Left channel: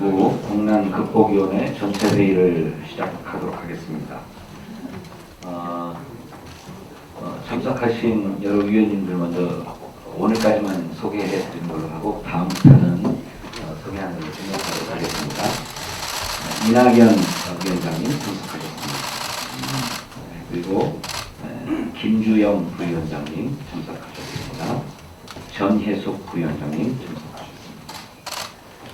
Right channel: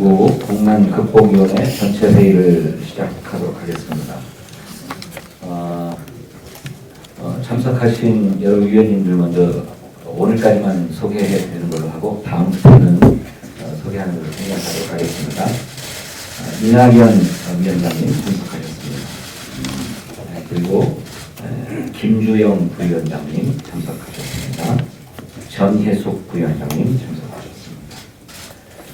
코로나19 국난극복위원회 전체 회의를 시작하도록 하겠습니다. 참석하신 여러 위원님들 먼저 오늘까지만 소개해 드리는 걸로 하고 다음부터는 소개하는 걸로 생각하도록 하겠습니다. 이낙연 위원장님 참석하셨습니다. 그리고 김주영 부위원장님 참석하셨습니다. 전혜숙 부위원장님 참석하셨습니다.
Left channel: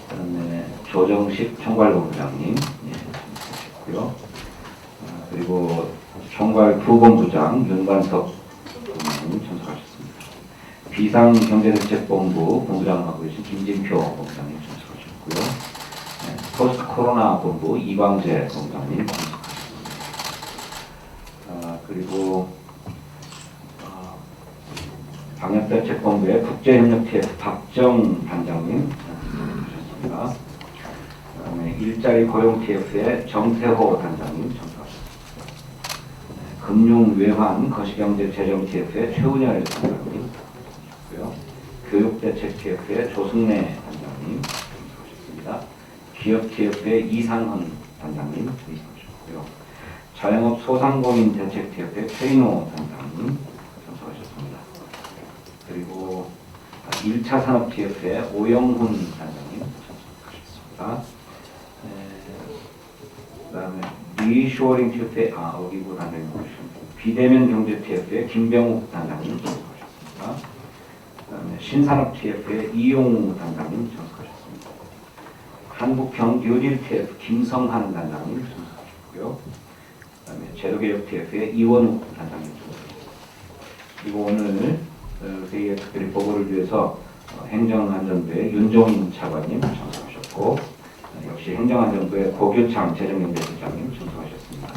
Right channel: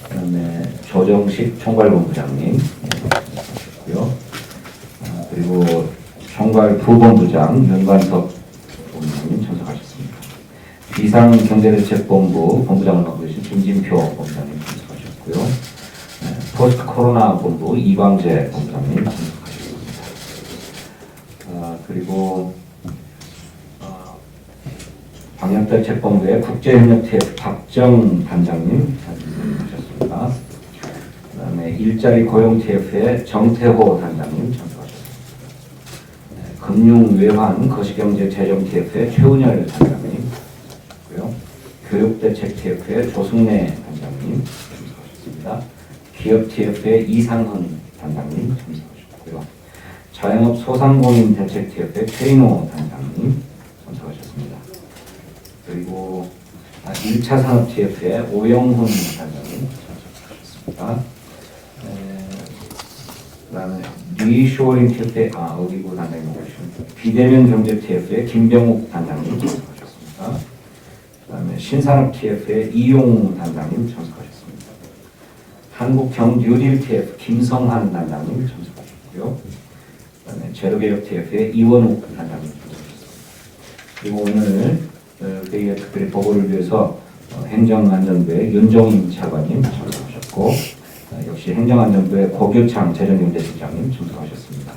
그다음에 조정식 총괄본부장님 참석하셨고요. 그리고 총괄부본부장 윤관석 본부장님 참석하셨습니다. 비상경제대책본부 본부장을 맡고 계신 김진표 본부장님 참석하셨고요. 포스트 코로나 본부 이광재 본부장님 참석하셨습니다. 그리고 방역대책본부의 국제협력TF 박정 단장님 참석하셨습니다. 그다음에 일자리 고용TF의 정태호 단장님 참석하셨습니다. 금융외환 거시경제재정TF의 최은열 단장님 참석하셨고요. 교육대책TF의 조승래 단장님 참석하셨습니다. 기업TF의 이상은 단장님 참석하셨고요. 자영업 소상공인대책TF의 최인호 단장님 참석하셨습니다. 그리고 1차 산업TF의 오영훈 단장님 참석하셨습니다. 그 다음에 리쇼링 TF의 어기구 단장님 오셨습니다. 비대면 경제 TF의 김병욱 단장님 참석하셨습니다. 그 다음에 신산업 TF의 이용우 단장님 참석하셨습니다. 한국형 뉴딜 TF 김성환 단장님 참석하셨고요. 그 다음에 제로개혁 TF의 이원욱 단장님 참석하셨습니다. 그리고 오늘 회의에 특별히 보고를 위해서 행정안전부의 윤종인 차관님 참석하셨고 역시 행정안전부의 고교창 재정경제실장님 참석하셨습니다.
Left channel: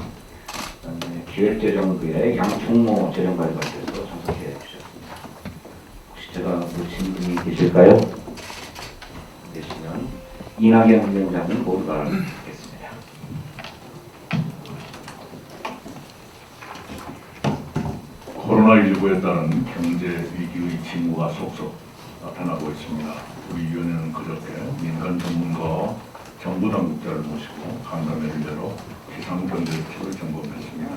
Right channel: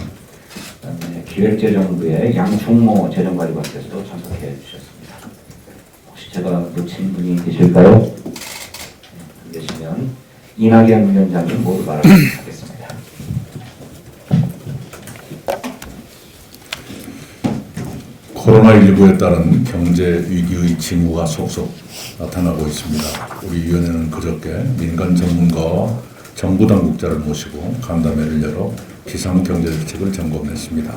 그다음에 기획재정부의 양충모 재정관리관께서 참석해 주셨습니다. 혹시 제가 놓친 분이 계실까요? 계시면 이낙연 위원장님 모두 말하겠습니다. 코로나19에 따른 경제 위기의 징후가 속속 나타나고 있습니다. 우리 위원회는 그저께 민간 전문가와 정부 당국자를 모시고 간담회를 열어 기상경제대책을 점검했습니다.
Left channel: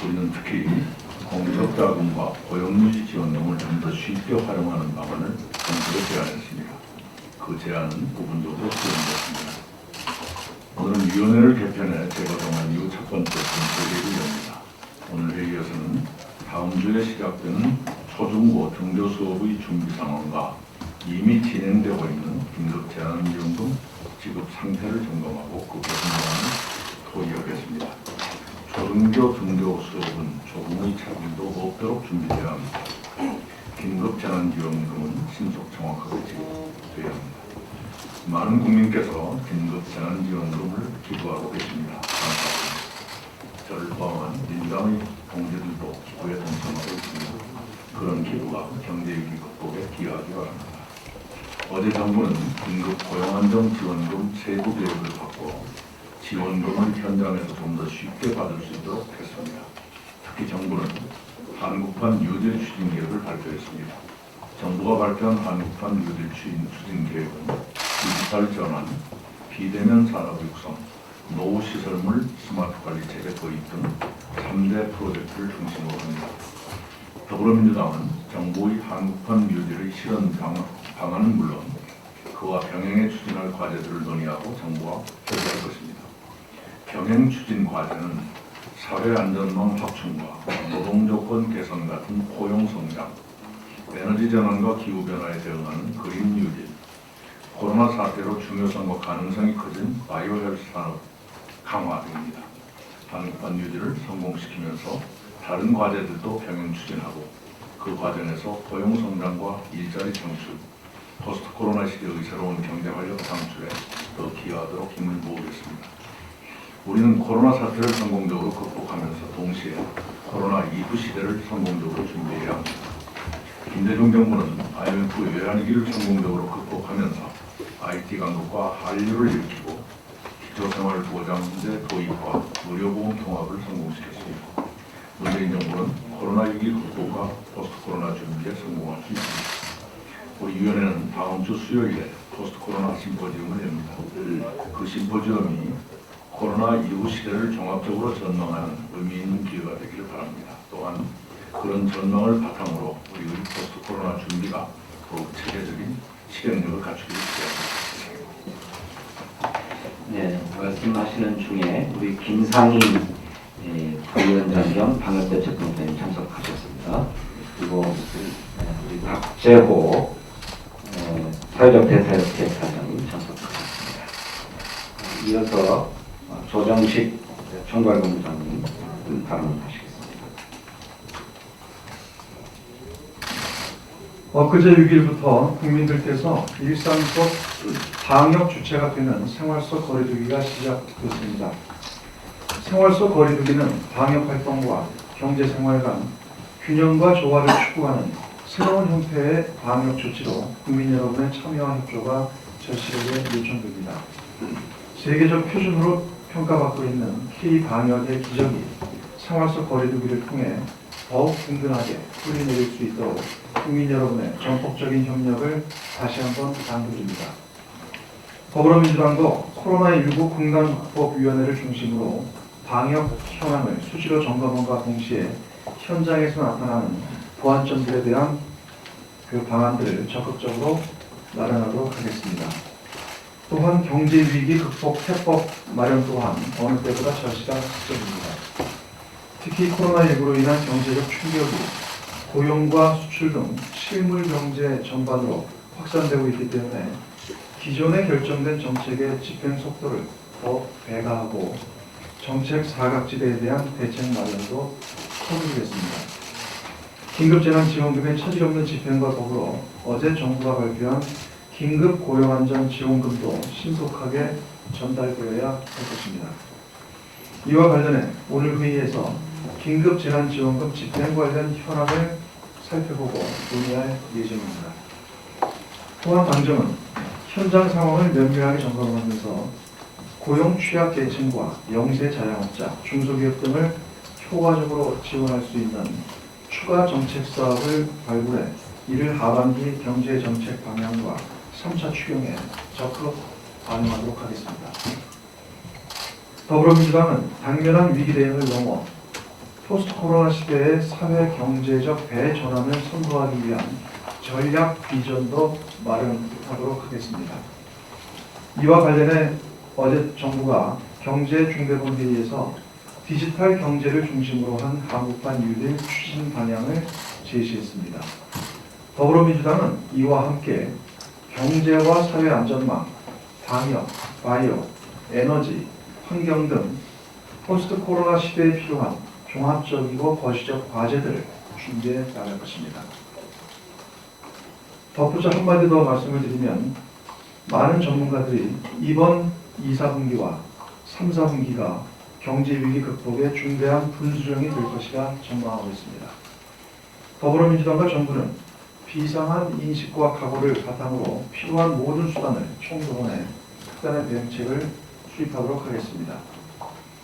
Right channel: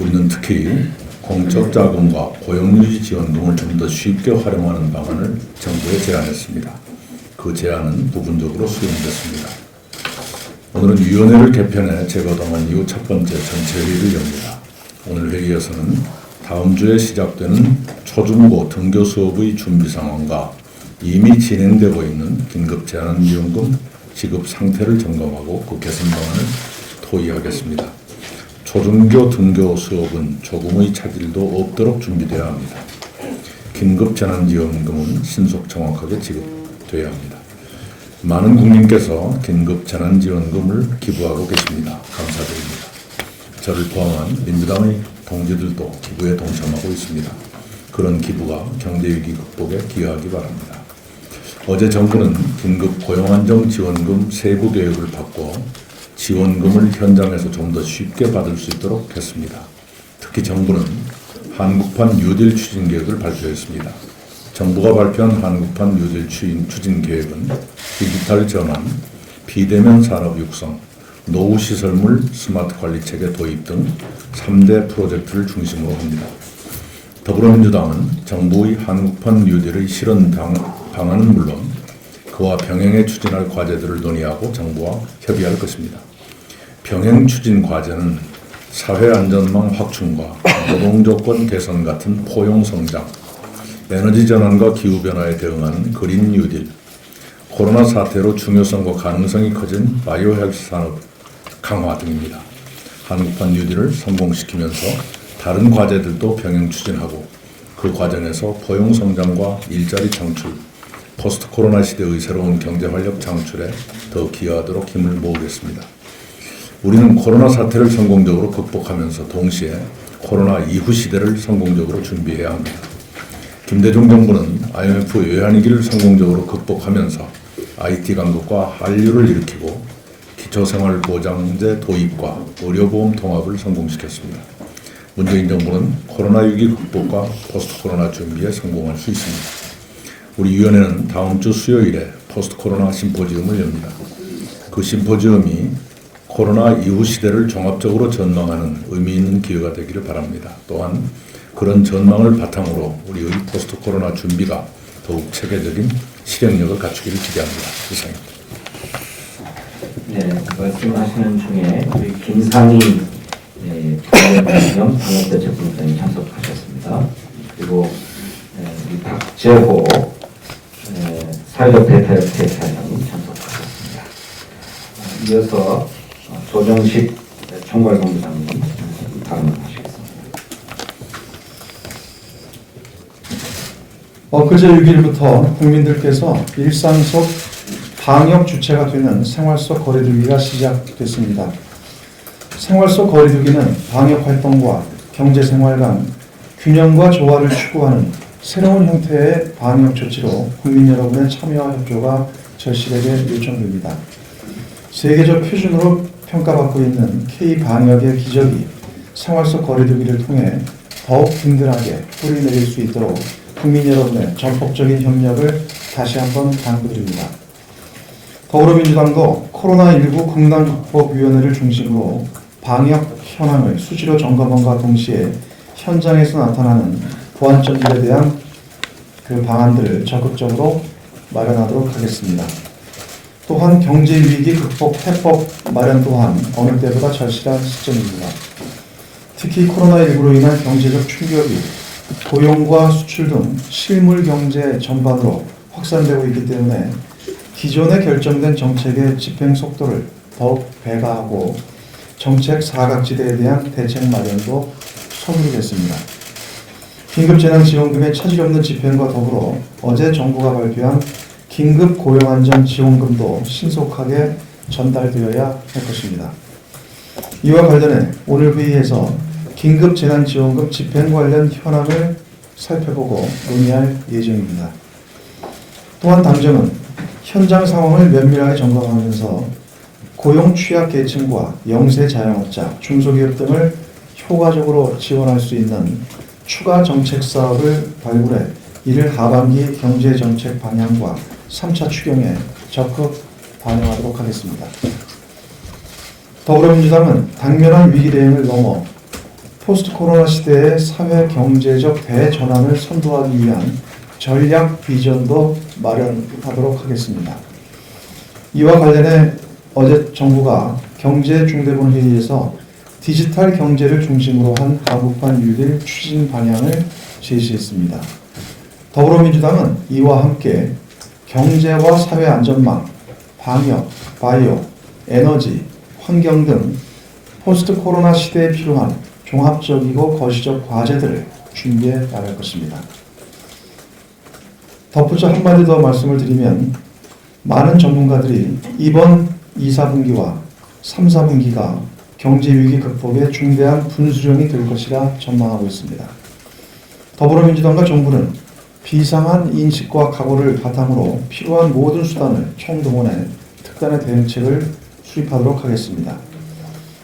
우리는 특히 공적 자금과 고용유지 지원금을 좀 더 쉽게 활용하는 방안을 정부에 제안했습니다. 그 제안은 부분적으로 수용됐습니다. 오늘은 위원회를 개편해 재거동한 이후 첫 번째 전체 회의를 엽니다. 오늘 회의에서는 다음 주에 시작되는 초중고 등교 수업의 준비 상황과 이미 진행되고 있는 긴급 재난지원금 지급 상태를 점검하고 그 개선 방안을 토의하겠습니다. 초중교 등교 수업은 조금의 차질도 없도록 준비되어야 합니다. 긴급 재난지원금은 신속 정확하게 지급되어야 합니다. 많은 국민께서 긴급 재난지원금을 기부하고 계십니다. 감사드립니다. 저를 포함한 민주당의 동지들도 기부에 동참하고 있습니다. 그런 기부가 경제위기 극복에 기여하기 바랍니다. 어제 정부는 긴급 고용안정지원금 세부 계획을 바꿔 지원금을 현장에서 좀 더 쉽게 받을 수 있도록 했습니다. 특히 정부는 한국판 뉴딜 추진 계획을 발표했습니다. 정부가 발표한 한국판 뉴딜 추진 계획은 디지털 전환, 비대면 산업 육성, 노후 시설물 스마트 관리 체계 도입 등 3대 프로젝트를 중심으로 합니다. 더불어민주당은 정부의 한국판 뉴딜의 실현 방안은 물론 그와 병행해 추진할 과제들을 논의하고 정부와 협의할 것입니다. 병행 추진 과제는 사회안전망 확충과 노동조건 개선 같은 포용 성장, 에너지 전환과 기후변화에 대응하는 그린 뉴딜, 코로나 사태로 중요성과 가능성이 커진 바이오 헬스 산업 강화 등입니다. 한국판 뉴딜을 성공시키면서 다른 과제들도 병행 추진하고 그 과정에서 포용 성장과 일자리 창출, 포스트 코로나 시대의 새로운 경제 활력 창출에 더 기여하도록 힘을 모으겠습니다. 우리는 코로나 사태를 성공적으로 극복하면서 동시에 코로나 이후 시대를 성공적으로 준비해야 합니다. 김대중 정부는 IMF 외환위기를 성공적으로 극복하면서 IT 강국과 한류를 일으키고 기초생활보장제 도입과 의료보험 통합을 성공시켰습니다. 문재인 정부는 코로나 위기 극복과 포스트 코로나 준비에 성공할 수 있습니다. 우리 위원회는 다음 주 수요일에 포스트 코로나 심포지움을 엽니다. 그 심포지엄이 코로나 이후 시대를 종합적으로 전망하는 의미 있는 기회가 되기를 바랍니다. 또한 그런 전망을 바탕으로 우리의 포스트 코로나 준비가 더욱 체계적인 실행력을 갖추기를 기대합니다. 이상입니다. 네, 말씀하시는 중에 우리 김상희 부위원장 방역대책본부장님 참석하셨습니다. 그리고 우리 박재호 사회적 대탈사장님 참석하셨습니다. 이어서 조정식 총괄본부장님 발언하시겠습니다. 엊그제 6일부터 국민들께서 일상 속 방역 주체가 되는 생활 속 거리두기가 시작됐습니다. 생활 속 거리두기는 방역 활동과 경제 생활 간 균형과 조화를 추구하는 새로운 형태의 방역 조치로 국민 여러분의 참여와 협조가 절실하게 요청됩니다. 세계적 표준으로 평가받고 있는 K-방역의 기적이 생활 속 거리두기를 통해 더욱 든든하게 뿌리 내릴 수 있도록 국민 여러분의 전폭적인 협력을 다시 한번 당부드립니다. 더불어민주당도 코로나19 국난극복위원회를 중심으로 방역 현황을 수시로 점검함과 동시에 현장에서 나타나는 보완점들에 대한 그 방안들을 적극적으로 마련하도록 하겠습니다. 또한 경제위기 극복 해법 마련 또한 어느 때보다 절실한 시점입니다. 특히 코로나19로 인한 경제적 충격이 고용과 수출 등 실물 경제 전반으로 확산되고 있기 때문에 기존에 결정된 정책의 집행 속도를 더욱 배가하고 정책 사각지대에 대한 대책 마련도 소홀했습니다. 긴급재난지원금의 차질없는 집행과 더불어 어제 정부가 발표한 긴급고용안전지원금도 신속하게 전달되어야 할 것입니다. 이와 관련해 오늘 회의에서 긴급재난지원금 집행 관련 현황을 살펴보고 논의할 예정입니다. 또한 당정은 현장 상황을 면밀하게 점검하면서 고용 취약 계층과 영세 자영업자, 중소기업 등을 효과적으로 지원할 수 있는 추가 정책 사업을 발굴해 이를 하반기 경제정책 방향과 3차 추경에 적극 반영하도록 하겠습니다. 더불어민주당은 당면한 위기 대응을 넘어 포스트 코로나 시대의 사회 경제적 대전환을 선도하기 위한 전략 비전도 마련하도록 하겠습니다. 이와 관련해 어제 정부가 경제중대본 회의에서 디지털 경제를 중심으로 한 한국판 6일 추진 방향을 제시했습니다. 더불어민주당은 이와 함께 경제와 사회 안전망, 방역, 바이오, 에너지, 환경 등 포스트 코로나 시대에 필요한 종합적이고 거시적 과제들을 준비해 나갈 것입니다. 덧붙여 한마디 더 말씀을 드리면 많은 전문가들이 이번 2, 4분기와 3, 4분기가 경제위기 극복의 중대한 분수령이 될 것이라 전망하고 있습니다. 더불어민주당과 정부는 비상한 인식과 각오를 바탕으로 필요한 모든 수단을 총동원해 특단의 대응책을 수립하도록 하겠습니다.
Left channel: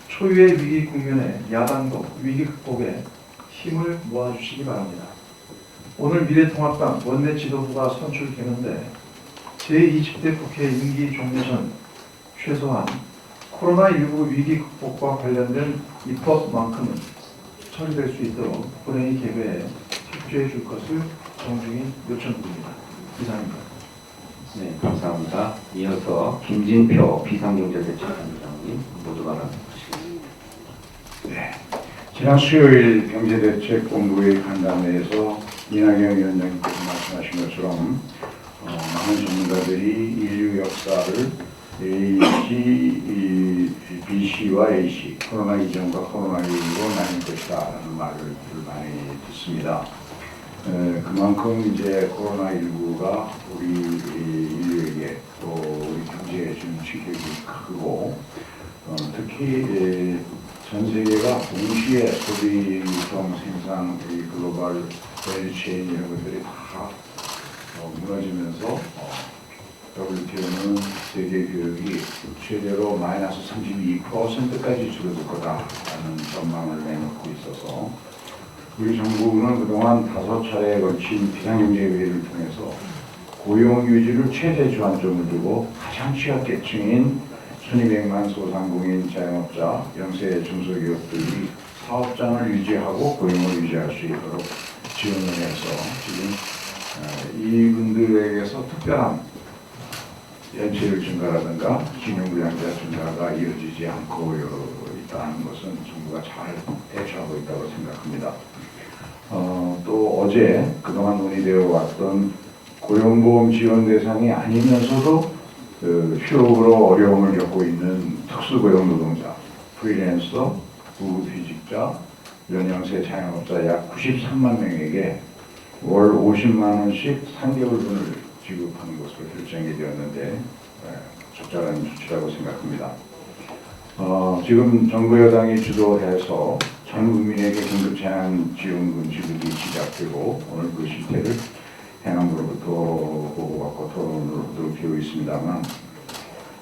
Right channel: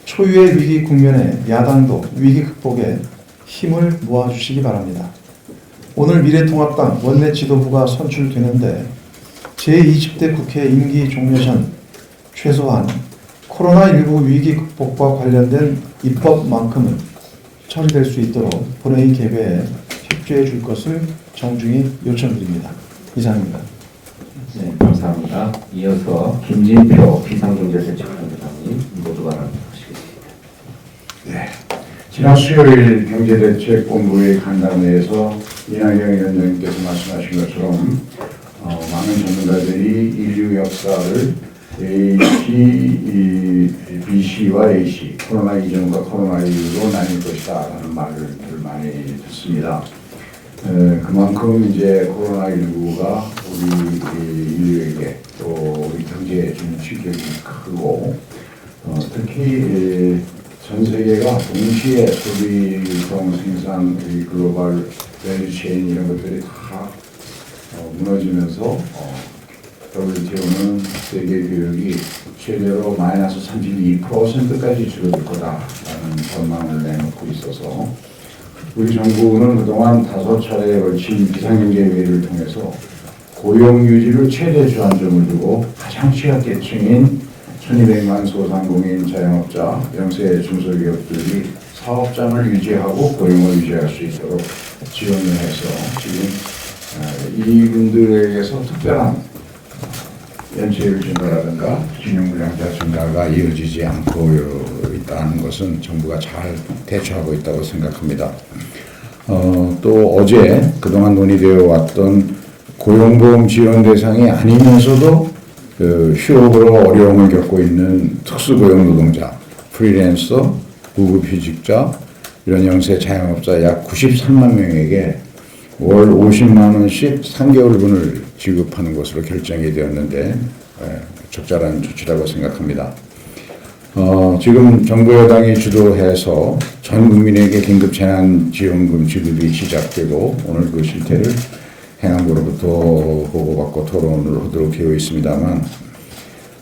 초유의 위기 국면에 야당도 위기 극복에 힘을 모아주시기 바랍니다. 오늘 미래통합당 원내 지도부가 선출되는데 제20대 국회 임기 종료 전 최소한 코로나19 위기 극복과 관련된 입법만큼은 처리될 수 있도록 본회의 개회에 협조해 줄 것을 정중히 요청드립니다. 이상입니다. 네, 감사합니다. 이어서 김진표 비상경제대책본부장님 모두 발언하시겠습니다. 네. 지난 수요일 경제대책본부의 간담회에서 이낙연 위원장님께서 말씀하신 것처럼 많은 전문가들이 인류 역사를 BC와 AC, 코로나 이전과 코로나19로 나뉠 것이다 라는 말을 많이 듣습니다. 그만큼 이제 코로나19가 우리 인류에게 또 우리 경제에 주는 충격이 크고 특히 전 세계가 동시에 소비, 유통, 생산, 글로벌 밸류체인 이런 것들이 다 무너지면서 WTO는 세계 기록이 최대로 마이너스 32%까지 줄어들 거다라는 전망을 내놓고 있어서 우리 정부는 그동안 5차례에 걸친 비상경제회의를 통해서 고용 유지를 최대 주안점을 두고 가장 취약계층인 1200만 소상공인 자영업자, 영세 중소기업들이 사업장을 유지하고 고용을 유지할 수 있도록 지원을 해서 지금 이분들에게서 특별한 연체율 증가라든가 징용불량자 증가가 이어지지 않고 있다는 것은 정부가 잘 대처하고 있다고 생각합니다. 또 어제 그동안 논의되어 왔던 고용보험 지원 대상이 아니면서도 휴업으로 어려움을 겪고 있는 특수고용 노동자, 프리랜서, 무급휴직자, 이런 영세 자영업자 약 93만 명에게 월 50만 원씩 3개월분을 지급하는 것으로 결정이 되었는데 적절한 조치라고 생각합니다. 지금 정부 여당이 주도해서 전 국민에게 긴급 재난지원금 지급이 시작되고 오늘 그 실태를 행안부로부터 보고받고 토론을 하도록 되어 있습니다만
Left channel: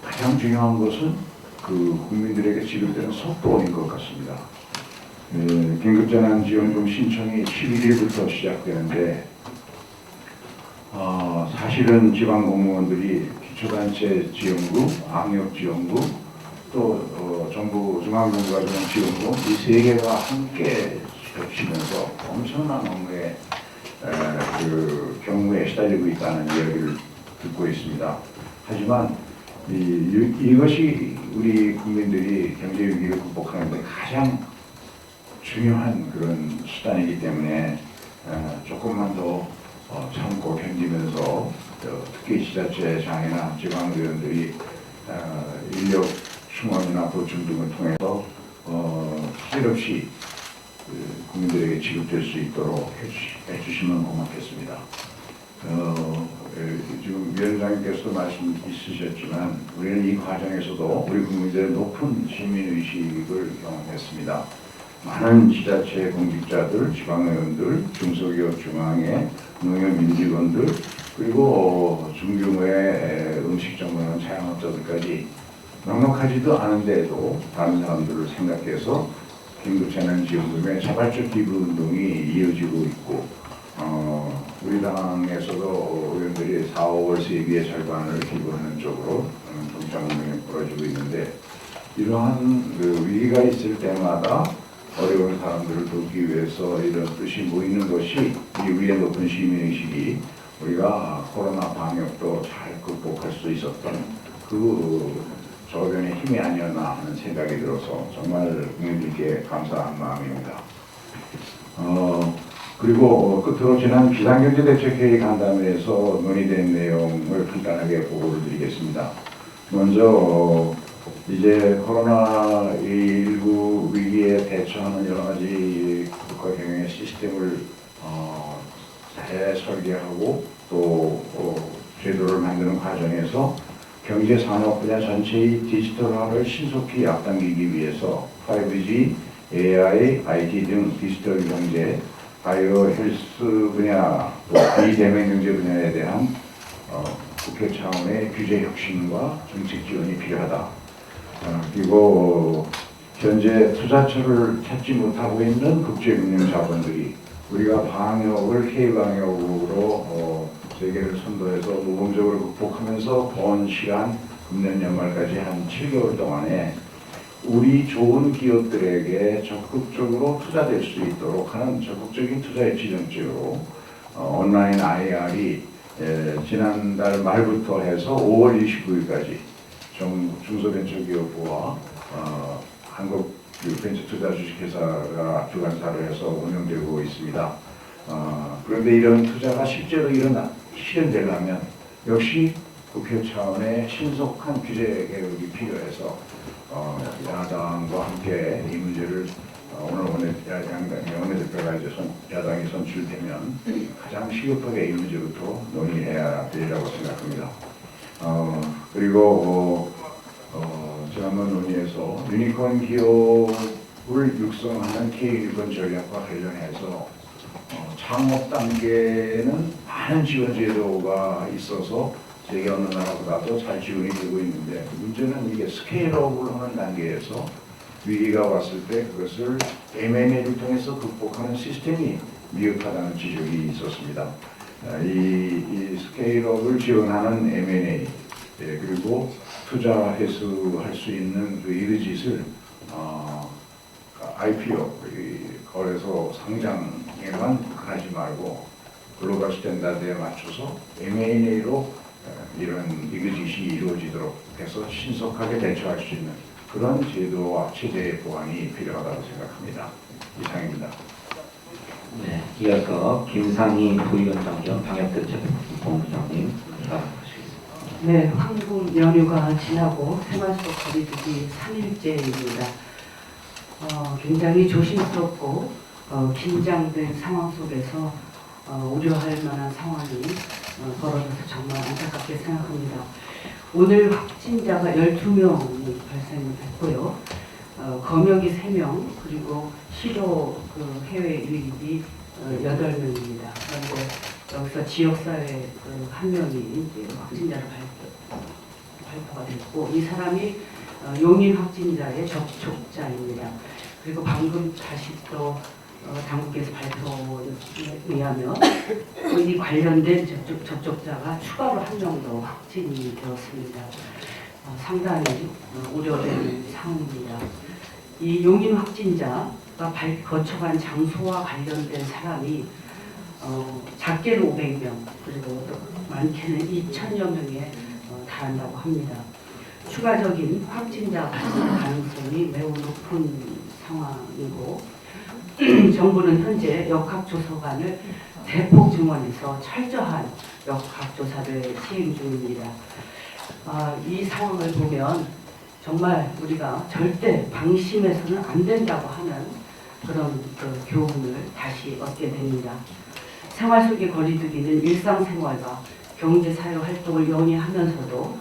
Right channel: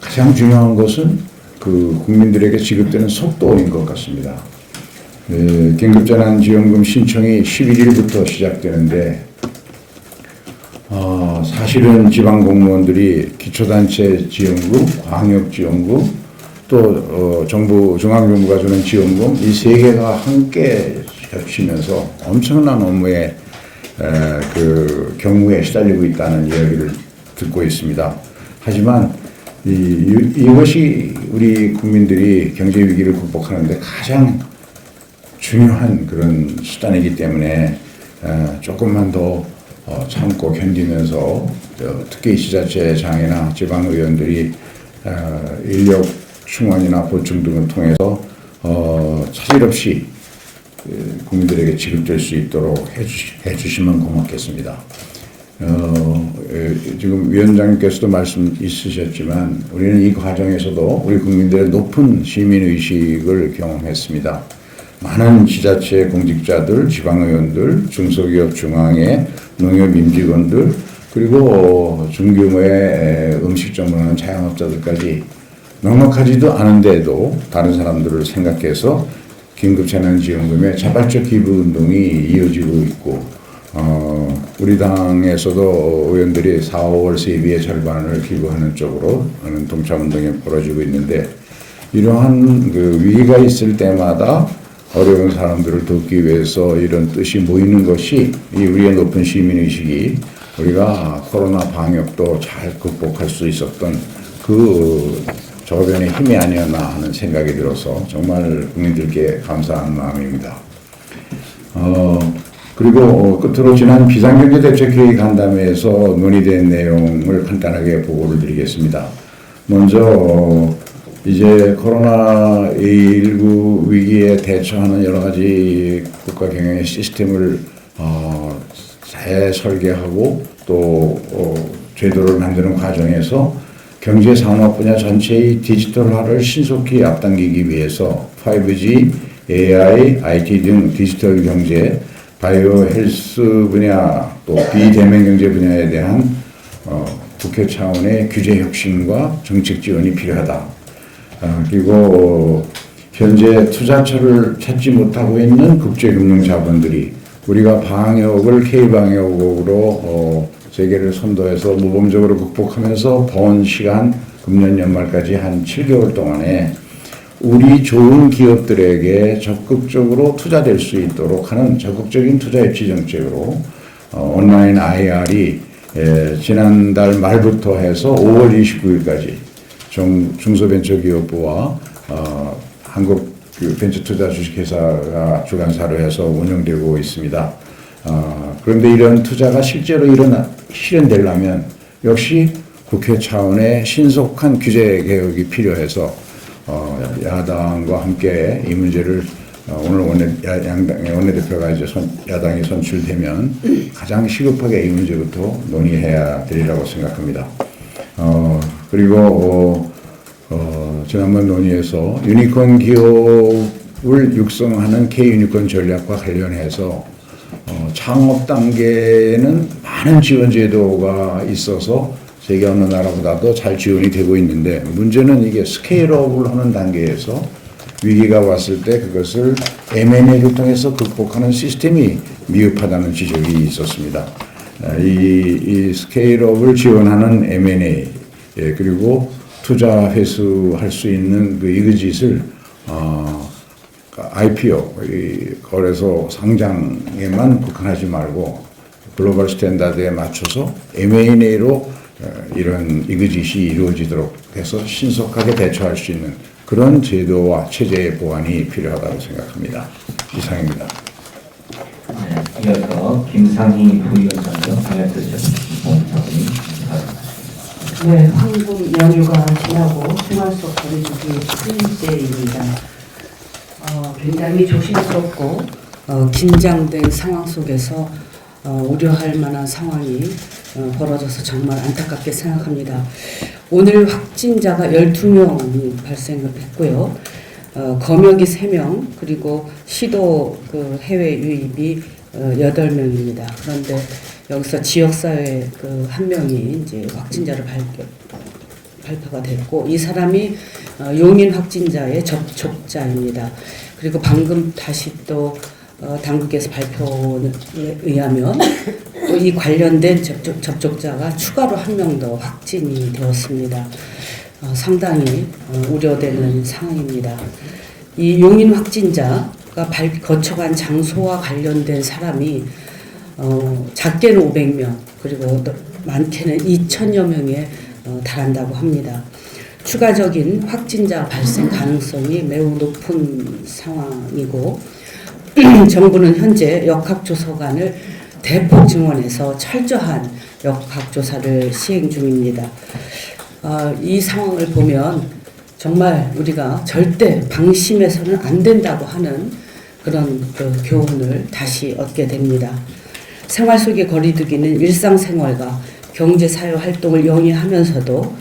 가장 중요한 것은 그 국민들에게 지급되는 속도인 것 같습니다. 긴급재난지원금 신청이 11일부터 시작되는데 사실은 지방공무원들이 기초단체 지원금, 광역지원금, 또 정부 중앙정부가 주는 지원금 이 세 개가 함께 겹치면서 엄청난 업무에 그 경무에 시달리고 있다는 이야기를 듣고 있습니다. 하지만 이것이 우리 국민들이 경제 위기를 극복하는 데 가장 중요한 그런 수단이기 때문에 조금만 더 참고 견디면서 특히 지자체장이나 지방의원들이 인력 충원이나 보충 등을 통해서 차질 없이 국민들에게 지급될 수 있도록 해주시면 고맙겠습니다. 지금 위원장님께서도 말씀 있으셨지만 우리는 이 과정에서도 우리 국민들의 높은 시민의식을 경험했습니다. 많은 지자체 공직자들, 지방의원들, 중소기업 중앙회, 농협임직원들 그리고 중규모의 음식점을 자영업자들까지 넉넉하지도 않은데도 다른 사람들을 생각해서 긴급재난지원금의 자발적 기부운동이 이어지고 있고 우리 당에서도 의원들이 4, 5월 세비의 절반을 기부하는 쪽으로 동참운동이 벌어지고 있는데 이러한 그 위기가 있을 때마다 어려운 사람들을 돕기 위해서 이런 뜻이 모이는 것이 우리의 높은 시민의식이 우리가 코로나 방역도 잘 극복할 수 있었던 그 저변의 힘이 아니었나 하는 생각이 들어서 정말 국민들께 감사한 마음입니다. 그리고 끝으로 지난 비상경제대책회의 간담회에서 논의된 내용을 간단하게 보고를 드리겠습니다. 먼저 이제 코로나19 위기에 대처하는 여러 가지 국가 경영의 시스템을 재설계하고 또 제도를 만드는 과정에서 경제 산업 분야 전체의 디지털화를 신속히 앞당기기 위해서 5G, AI, IT 등 디지털 경제, 바이오 헬스 분야 또 비대면 경제 분야에 대한 국회 차원의 규제 혁신과 정책 지원이 필요하다. 그리고 현재 투자처를 찾지 못하고 있는 국제금융 자본들이 우리가 방역을 K방역으로 세계를 선도해서 모범적으로 극복하면서 번 시간 금년 연말까지 한 7개월 동안에 우리 좋은 기업들에게 적극적으로 투자될 수 있도록 하는 적극적인 투자 유치 정책으로 온라인 IR이 지난달 말부터 해서 5월 29일까지 중소벤처기업부와 한국벤처투자 주식회사가 주관사로 해서 운영되고 있습니다. 그런데 이런 투자가 실제로 실현되려면 역시 국회 차원의 신속한 규제 개혁이 필요해서 야당과 함께 이 문제를 오늘 양당의 원내대표가 이제 야당이 선출되면 가장 시급하게 이 문제부터 논의해야 되리라고 생각합니다. 그리고 지난번 논의에서 유니콘 기업을 육성하는 K-유니콘 전략과 관련해서 창업 단계에는 많은 지원 제도가 있어서 세계 어느 나라보다도 잘 지원이 되고 있는데 문제는 이게 스케일업을 하는 단계에서 위기가 왔을 때 그것을 M&A를 통해서 극복하는 시스템이 미흡하다는 지적이 있었습니다. 이 스케일업을 지원하는 M&A 그리고 투자 회수할 수 있는 그 이그짓을 IPO 거래소 상장에만 국한하지 말고 글로벌 스탠다드에 맞춰서 M&A로 이런 이그짓이 이루어지도록 해서 신속하게 대처할 수 있는 그런 제도와 체제의 보완이 필요하다고 생각합니다. 이상입니다. 네, 이어서 김상희 부위원장님, 방역대책 기본자원이 인사하겠습니다. 네, 한국 연휴가 지나고 생활 속 거리두기 8일째입니다. 굉장히 조심스럽고 긴장된 상황 속에서 우려할 만한 상황이 벌어져서 정말 안타깝게 생각합니다. 오늘 확진자가 12명이 발생을 했고요. 검역이 3명, 그리고 시도 해외 유입이 8명입니다. 그런데 여기서 지역사회 1명이 이제 확진자로 발표가 됐고, 이 사람이 용인 확진자의 접촉자입니다. 그리고 방금 다시 또 당국에서 발표에 의하면 또 이 관련된 접촉자가 추가로 1명 더 확진이 되었습니다. 상당히 우려되는 상황입니다. 이 용인 확진자가 거쳐간 장소와 관련된 사람이 작게는 500명, 그리고 또 많게는 2,000여 명에 달한다고 합니다. 추가적인 확진자 발생 가능성이 매우 높은 상황이고, 정부는 현재 역학조사관을 대폭 증원해서 철저한 역학조사를 시행 중입니다. 이 상황을 보면 정말 우리가 절대 방심해서는 안 된다고 하는 그런 교훈을 다시 얻게 됩니다. 생활 속의 거리두기는 일상생활과 경제사회활동을 영위하면서도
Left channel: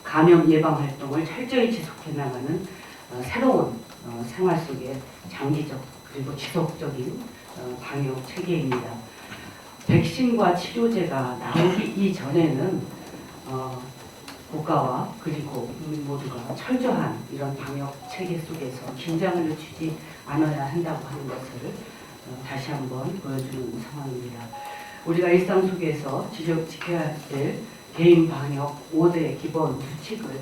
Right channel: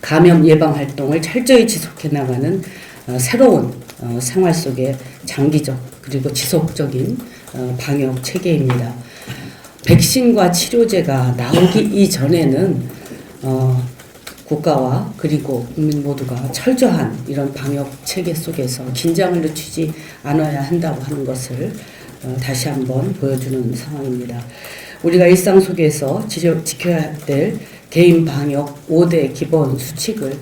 감염 예방 활동을 철저히 지속해 나가는 새로운 생활 속의 장기적 그리고 지속적인 방역 체계입니다. 백신과 치료제가 나오기 이전에는 국가와 그리고 국민 모두가 철저한 이런 방역 체계 속에서 긴장을 늦추지 않아야 한다고 하는 것을 다시 한번 보여주는 상황입니다. 우리가 일상 속에서 지켜야 될 개인 방역 5대 기본 수칙을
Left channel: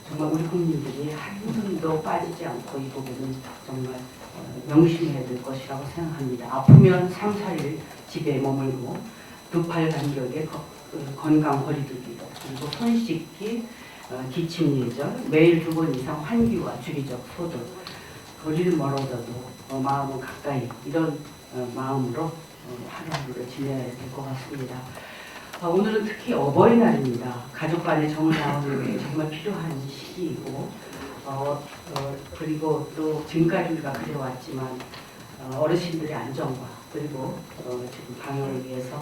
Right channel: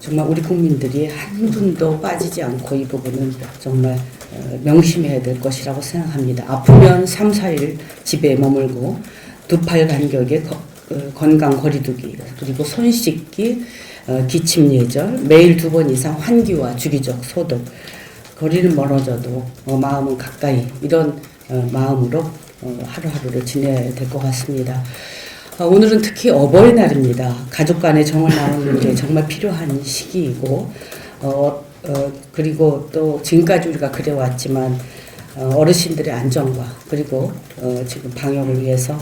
정말 우리 국민들이 한 분도 빠지지 않고 이 부분은 정말 명심해야 될 것이라고 생각합니다. 아프면 3, 4일 집에 머물고 2팔 간격의 건강 거리두기, 그리고 손 씻기, 기침 예절, 매일 2번 이상 환기와 주기적 소독, 거리는 멀어져도 마음은 가까이, 이런 마음으로 하루하루를 지내야 될 것 같습니다. 오늘은 특히 어버이날입니다. 가족 간의 정을 나누는 게 정말 필요한 시기이고, 그리고 또 지금까지 우리가 그래왔지만 어르신들의 안전과 그리고 지금 방역을 위해서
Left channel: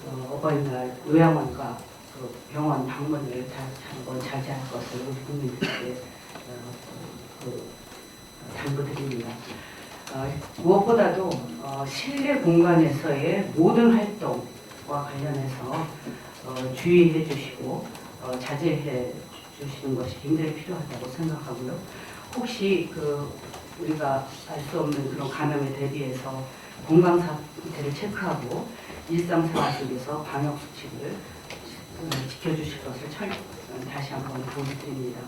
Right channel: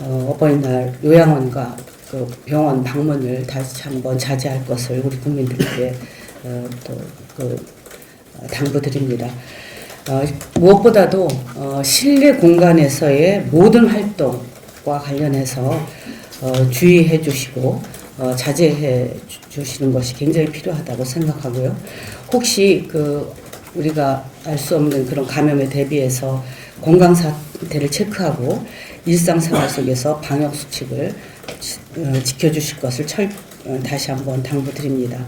어버이날 요양원과 병원 방문을 다시 한번 자제할 것을 우리 국민들께 당부드립니다. 무엇보다도 실내 공간에서의 모든 활동과 관련해서 주의해 주시고 자제해 주시는 것이 굉장히 필요하다고 생각하고요. 혹시 우리가 알 수 없는 그런 감염에 대비해서 건강 상태를 체크하고 일상생활 속에서 방역 수칙을 지켜주실 것을 다시 한번 당부드립니다.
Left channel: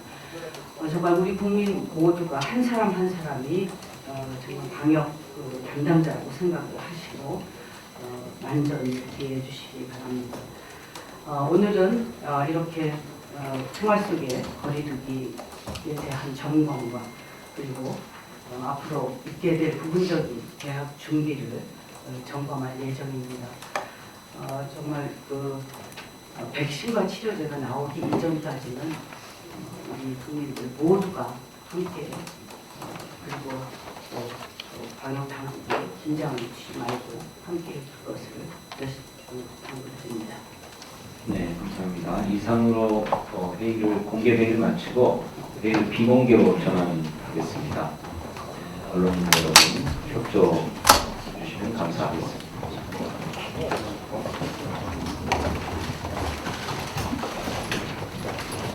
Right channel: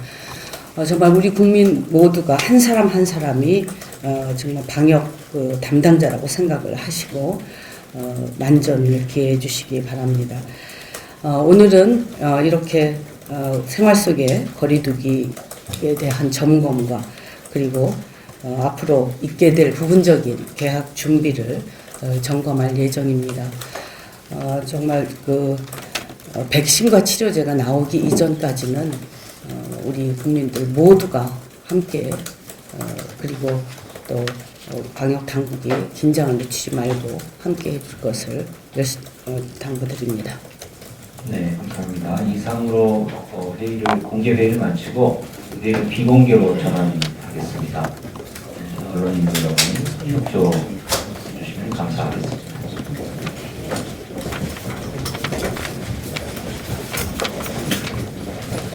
정말 우리 국민 모두가 한 사람 한 사람이 정말 방역 담당자라고 생각을 하시고 만전을 기해해 주시기 바랍니다. 오늘은 이렇게 생활 속의 거리두기에 대한 점검과 그리고 앞으로 있게 될 부분적인 개학 준비를 점검할 예정입니다. 정말 백신과 치료제가 나오기 이전까지는 우리 국민들 모두가 함께 그리고 또 방역 당국이 긴장을 늦추지 말고 함께 해줄 것을 당부드립니다. 네, 감사합니다. 이상으로 공개 회의를 마치고 회의를 비공개로 전환